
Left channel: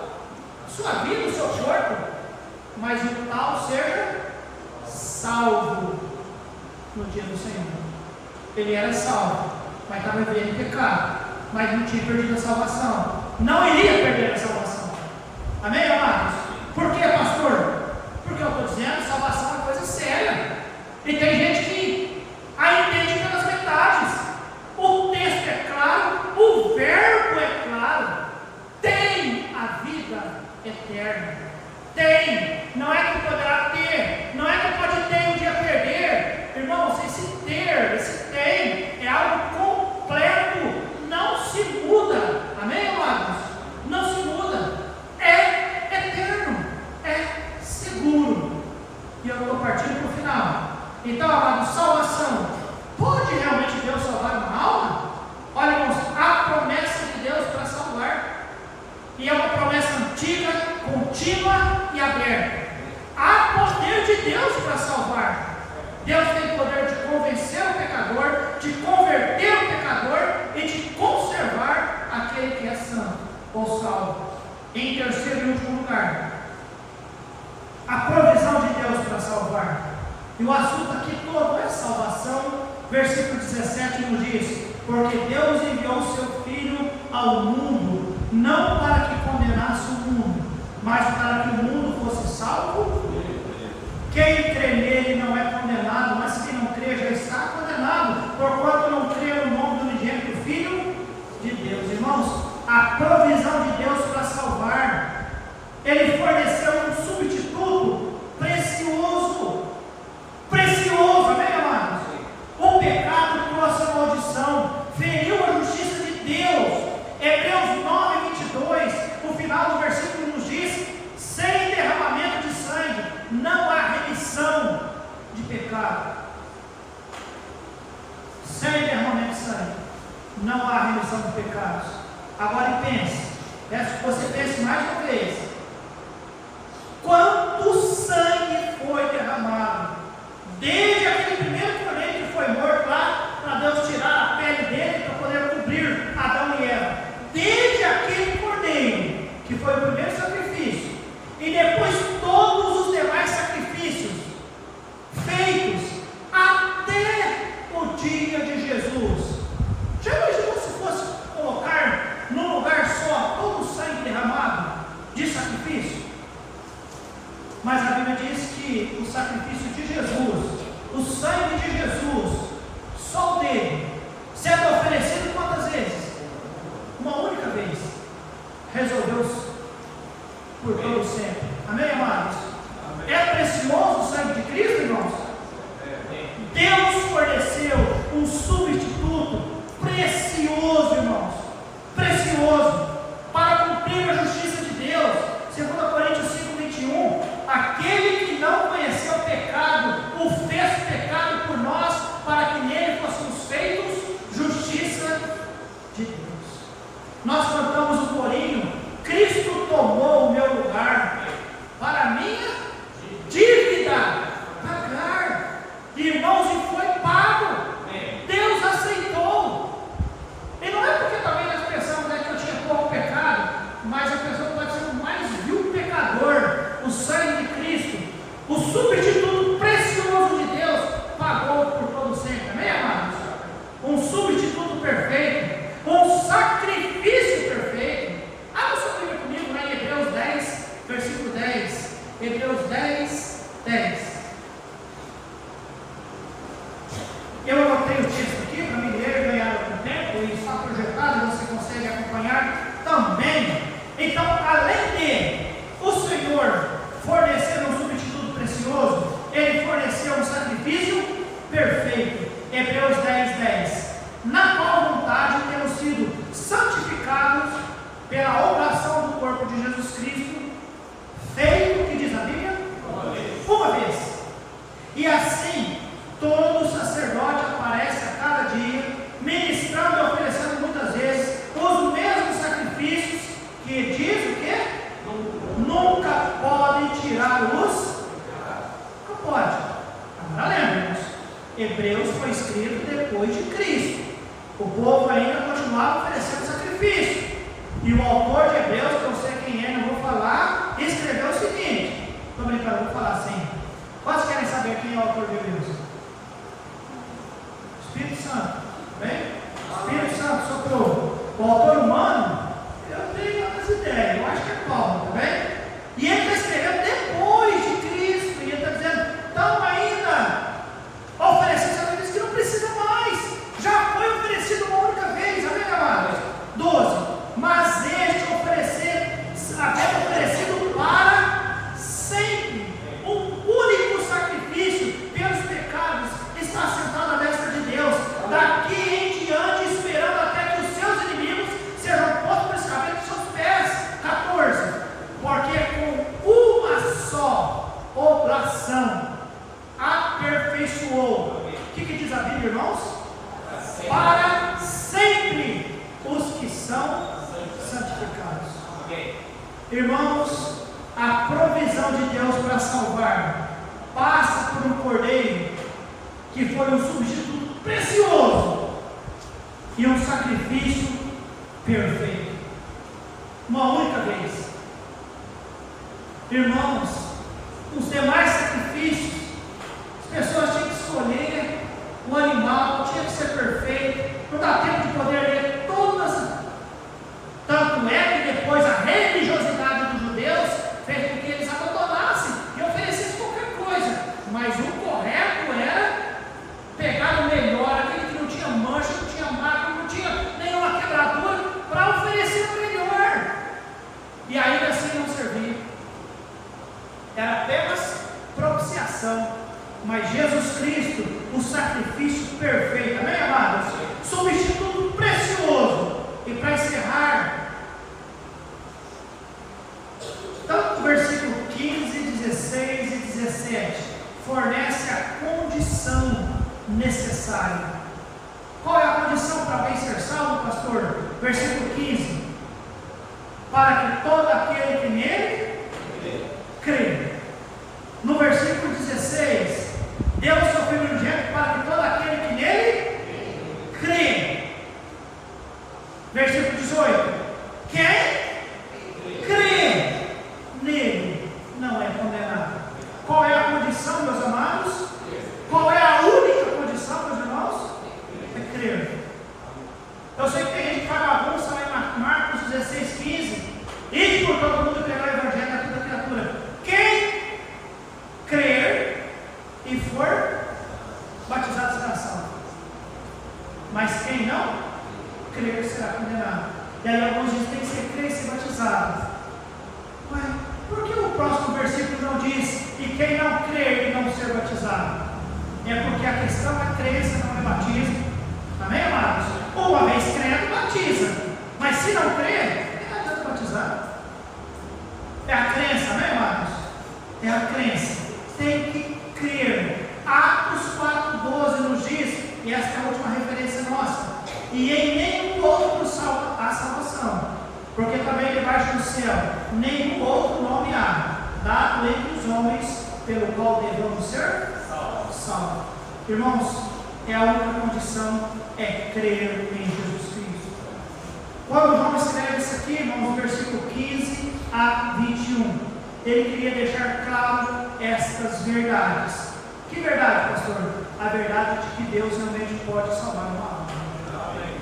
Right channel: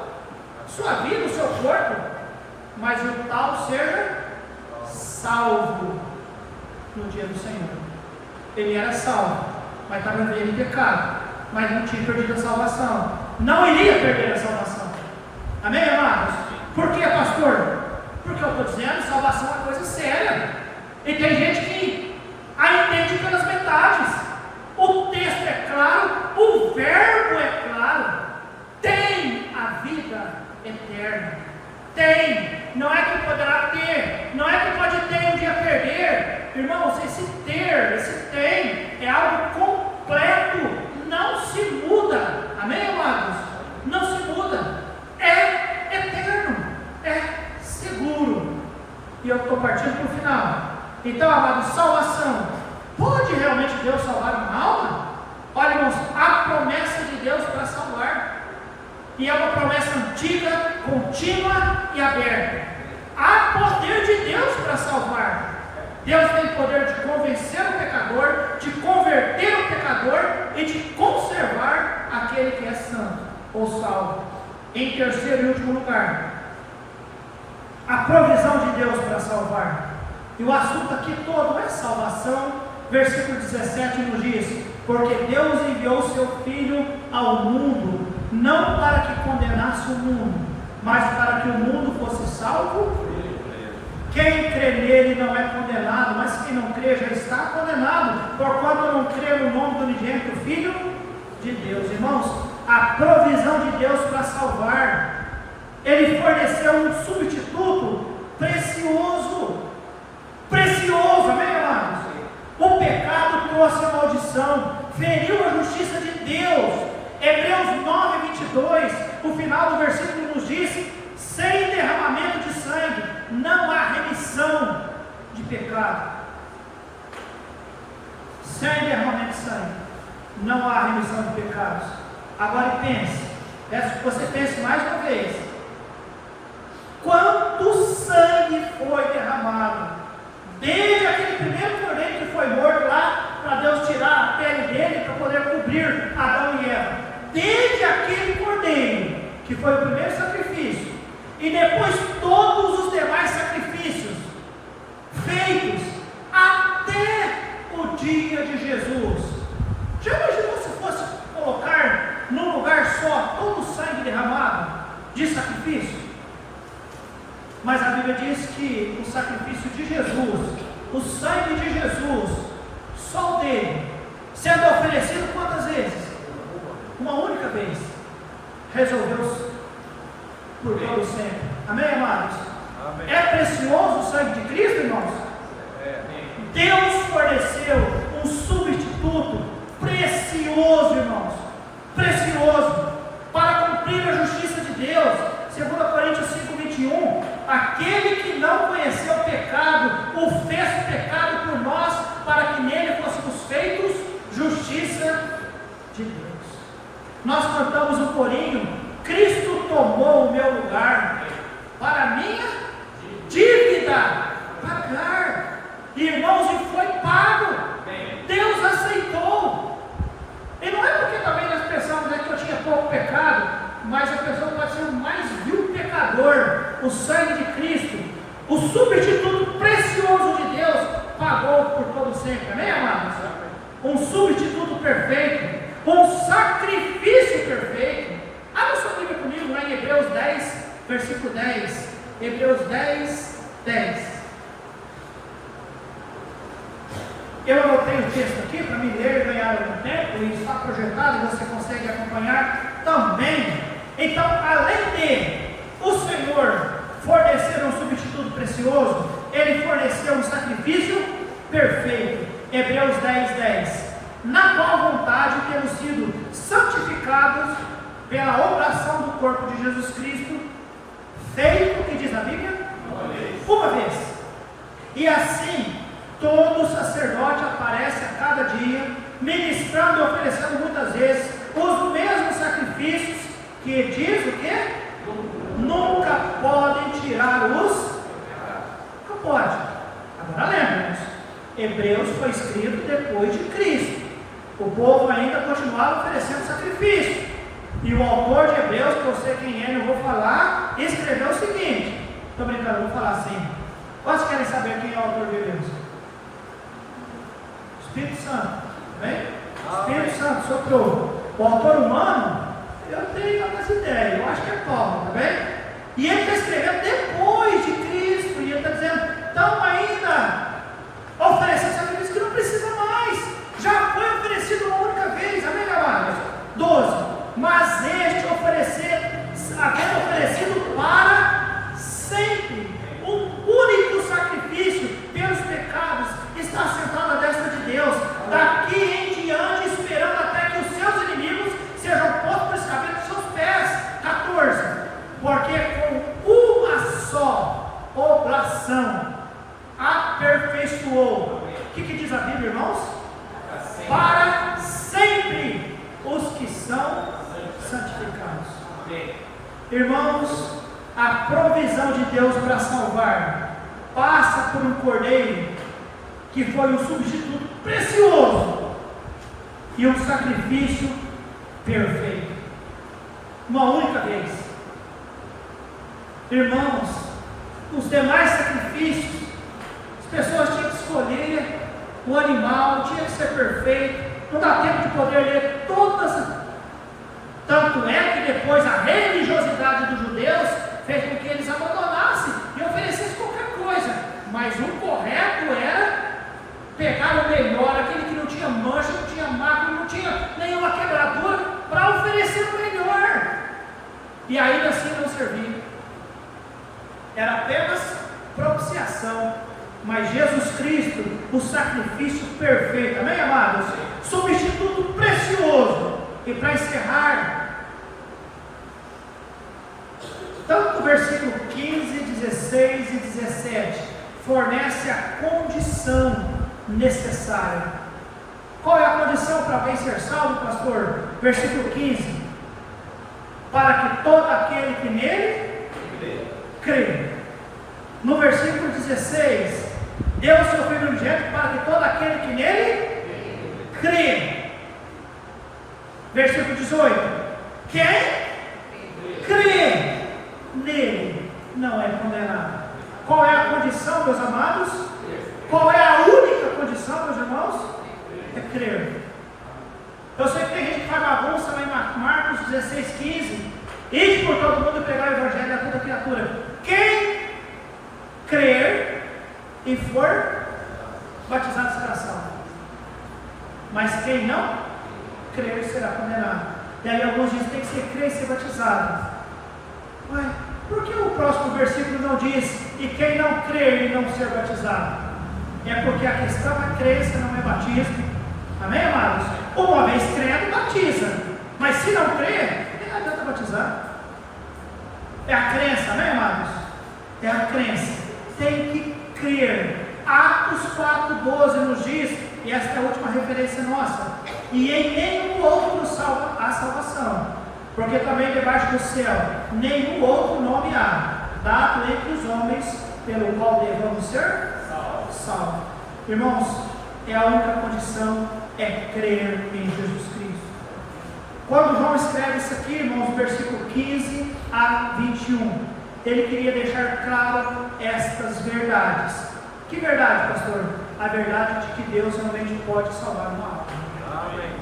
sua vida, o seu corpo, mas o tal seja salvo no dia do Senhor. Ele era salvo, mas estava vivendo em pecado, mas não tinha perdido a salvação, não iria perder a salvação. Amém, amados? Por que, pastor? Porque eu estou dizendo, salvação é coisa séria, e tem gente que a entende pelas metades. O texto é claro, o verbo é claro, tem a vida eterna, tem, não é que poderá ter, não é que pode ter e um dia perder. Irmãos, esse ter, esse tem, é algo completo, não se muda. Amém, amados? Não se muda, é eterno, é seguro. E eu estou partindo para o final. Então, amados, salvação, pode realmente Deus salvar uma alma? Olha, irmãos, a promessa de Deus para salvar, e é uma promessa antiga, contínua e aberta. Há poder de Deus para salvar. Deus tem poder de convencer o pecador, de converter o pecador e de conservar aquele que é santo ou salvo. Em terceiro e último lugar, a provisão de Deus para salvar. E o assunto aqui todo é salvação. Versículo 17 nos diz: porque Deus enviou o seu Filho ao mundo, não para que condenasse o mundo, mas para que o mundo fosse salvo. Quem crê nele não é condenado, mas quem não crê já está condenado, porquanto não crê no nome do unigênito Filho de Deus. Irmãos, a provisão de Deus para salvar, Ele forneceu um substituto precioso, precioso, amém, amados? O pecado trouxe a maldição, feriu a justiça de Deus. Hebreus 9, 22, o final do versículo nos diz: sem derramamento de sangue não há remissão de pecado. Sem derramamento de sangue não há remissão de pecados. Agora pense, peço que você pense mais uma vez: quanto sangue foi derramado desde aquele primeiro cordeiro que foi morto lá, para Deus tirar a pele dele para poder cobrir Adão e Eva? Desde aquele cordeiro que foi o primeiro sacrifício, e depois todos os demais sacrifícios feitos até o dia de Jesus. Já imaginou se fosse colocar num lugar só todo o sangue derramado de sacrifício? Mas a Bíblia diz que o sacrifício de Jesus, o sangue de Jesus, só o dele, sendo oferecido quantas vezes? Uma única vez, resolveu por todo sempre. Amém, amados? Amém. É precioso o sangue de Cristo, irmãos? Deus forneceu um substituto precioso, irmãos, precioso, para cumprir a justiça de Deus. 2 Coríntios 5, 21, aquele que não conheceu o pecado, o fez pecado por nós, para que nele fôssemos feitos justiça de Deus. Nós cantamos um corinho: Cristo tomou o meu lugar, para a minha dívida pagar. Irmãos, e foi pago. Deus aceitou. E não é porque também nós pensamos que eu tinha pouco pecado, mas a pessoa pode ser o mais vil pecador. O sangue de Cristo, o substituto precioso de Deus, pagou por todo sempre. Amém, amados? Um substituto perfeito, um sacrifício perfeito. Abra sua Bíblia comigo lá em Hebreus 10, versículo 10. Hebreus 10, 10. Eu anotei o texto aqui para me ler e ganhar algum tempo, e está projetado, você consegue acompanhar também. Então, além de o Senhor fornecer um substituto precioso, Ele forneceu um sacrifício perfeito. Hebreus 10, 10. Na qual vontade temos sido santificados pela oração do corpo de Jesus Cristo, feito, o que diz a Bíblia? Uma vez. E assim, todo sacerdote aparece a cada dia, ministrando e oferecendo muitas vezes os mesmos sacrifícios, que diz o quê? Nunca Hebreus foi escrito depois de Cristo. O povo ainda continuava oferecendo sacrifício. E o autor de Hebreus, que eu sei quem é, não vou falar, escreveu o seguinte. Estou brincando, vou falar assim. Quantos querem saber quem é o autor de Hebreus? Espírito Santo. Bem? Espírito Santo soprou. O autor humano, eu tenho outras ideias. Eu acho que é Paulo, tá bem? E ele está escrevendo depois de Cristo. E ele está dizendo, estão ainda oferecendo sacrifício que não precisa mais. Já foi oferecido uma única vez. Amém, amados? 12. Mas este havendo oferecido para sempre um único sacrifício pelos pecados, está sentado à destra de Deus, daqui em diante, esperando até que os seus inimigos sejam postos por escabelo dos seus pés. 14. Porque com uma só oblação aperfeiçoou. O que diz a Bíblia, irmãos? Para sempre os que são santificados. Irmãos, a provisão de Deus para salvar passa por um cordeiro que foi um substituto precioso e um sacrifício perfeito, uma única vez. Irmãos, os demais sacrifícios, as pessoas tinham que escolher o animal, tinha que ser perfeito, não dá tempo de poder ler todas. Tanto é que depois a religiosidade dos judeus fez com que eles abandonassem e oferecessem qualquer coisa. Mas o correto era pegar o melhor, aquele que não tinha mancha, não tinha marca, não tinha nenhuma quebradura, para oferecer o melhor. E ainda assim não servia. Era apenas propiciação. Mas Jesus Cristo, o sacrifício perfeito, amém, amados? Substituto precioso. E para encerrar, tanto o versículo 15, 16 e 17 fornece a condição necessária. Qual é a condição para alguém ser salvo, pastor? Versículo 15: para que todo aquele que nele crê. No versículo 16, deu o seu Filho unigênito para que todo aquele que nele crê. Versículo 18: quem crê nele não é condenado. Qual é a condição, meus amados? Qual é a única condição, meus irmãos? É crer. Eu sei que tem gente que faz bagunça lá em Marcos 16, 15. Ide por todo mundo pregar o evangelho a toda criatura. Quem crer e for batizado será salvo. Mas quem não crer será condenado. E aí alguns dizem que tem que ser crer e ser batizado. Ué, por que o próximo versículo não diz e quem não crer e não ser batizado? É porque a questão da crença não é batismo. Amém, amados? Uma vez crendo, batiza. Mas se não crer, não adianta batizar. É a crença, amém, amados? É a crença. Tem que crer. Atos 4:12 nos diz, e esta é a última referência nossa: e em nenhum outro há salvação, porque também debaixo do céu nenhum outro nome há, dado entre os homens, pelo qual devamos ser salvos. Irmãos, é a única condição, é crer em Jesus Cristo. Quando João escreve isso aqui, irmãos, versículo 15 a 21, ele queria deixar claro estas verdades. Que verdade, pastor? A verdade de que Deus realmente pode salvar uma alma. Amém.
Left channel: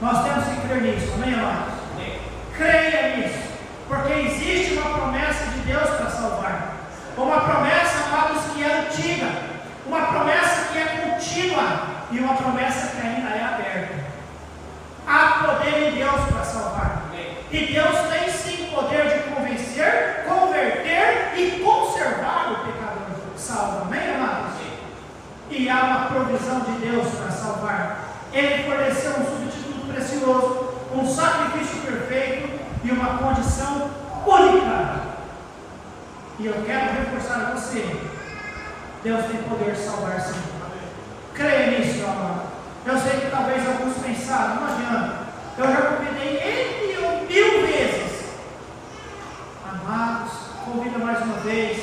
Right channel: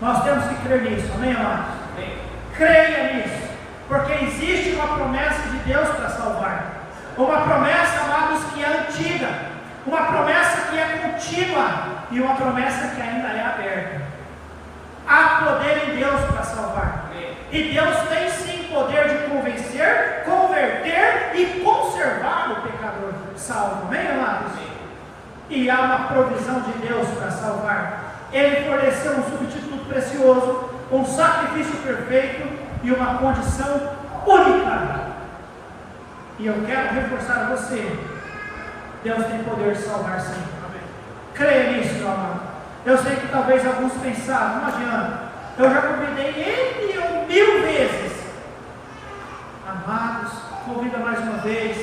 Nós temos que crer nisso, amém, amados? Creia nisso, porque existe uma promessa de Deus para salvar. Uma promessa, amados, que é antiga, uma promessa que é contínua e uma promessa que ainda é aberta. Há poder em Deus para salvar. E Deus tem sim poder de convencer, converter e conservar o pecador salvo, amém, amados? E há uma provisão de Deus para salvar. Ele forneceu um substituto precioso, um sacrifício perfeito e uma condição única. E eu quero reforçar a você: Deus tem poder de salvar sim. Creia nisso, amado. Eu sei que talvez alguns pensaram, não adianta, eu já convidei ele 1000 vezes. Amados, convida mais uma vez,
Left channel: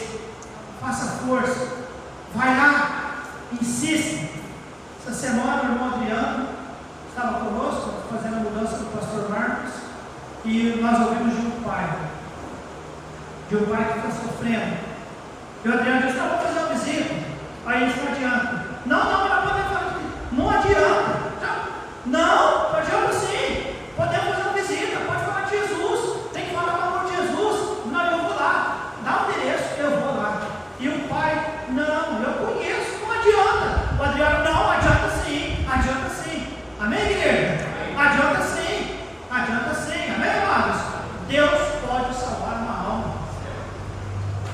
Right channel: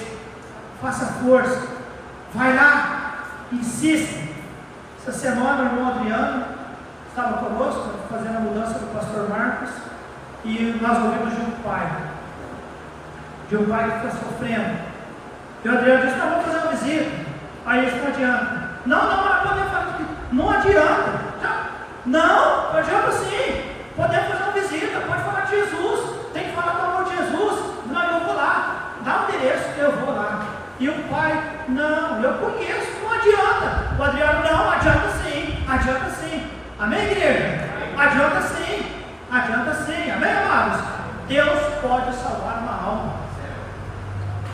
faça força, vai lá, insistem. Essa semana o irmão Adriano estava conosco, fazendo a mudança do pastor Marcos, e nós ouvimos de um pai que está sofrendo. E o Adriano disse: não, vamos fazer uma visita. Aí eles não adianta. Não podemos fazer visita. Não adianta. Não adianta sim. Podemos fazer uma visita. Pode falar de Jesus. Tem que falar com o nome de Jesus. Não, eu vou lá. Dá o endereço, eu vou lá. E o pai: não, eu conheço. Não adianta. O Adriano: não, adianta sim. Adianta sim. Amém, igreja? Adianta sim. Adianta sim. Amém, amados? Deus pode salvar uma alma.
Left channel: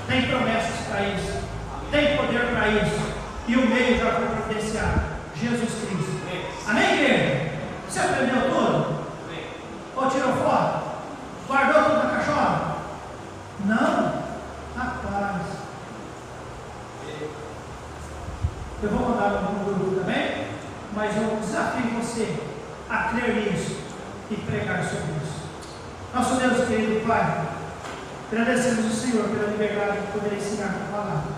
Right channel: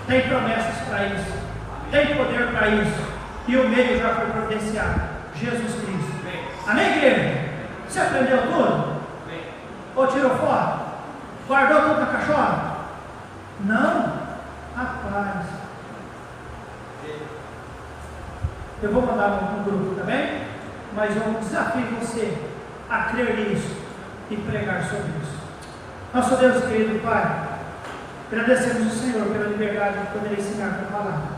Tem promessas para isso. Tem poder para isso. E o meio já foi providenciado: Jesus Cristo. Amém, igreja? Você aprendeu tudo? Ou tirou foto? Guardou tudo na caixola? Não? Rapaz. Eu vou mandar no grupo também, mas eu desafio você a crer nisso e pregar sobre isso. Nosso Deus querido Pai, agradecemos o Senhor pela liberdade de poder ensinar a palavra.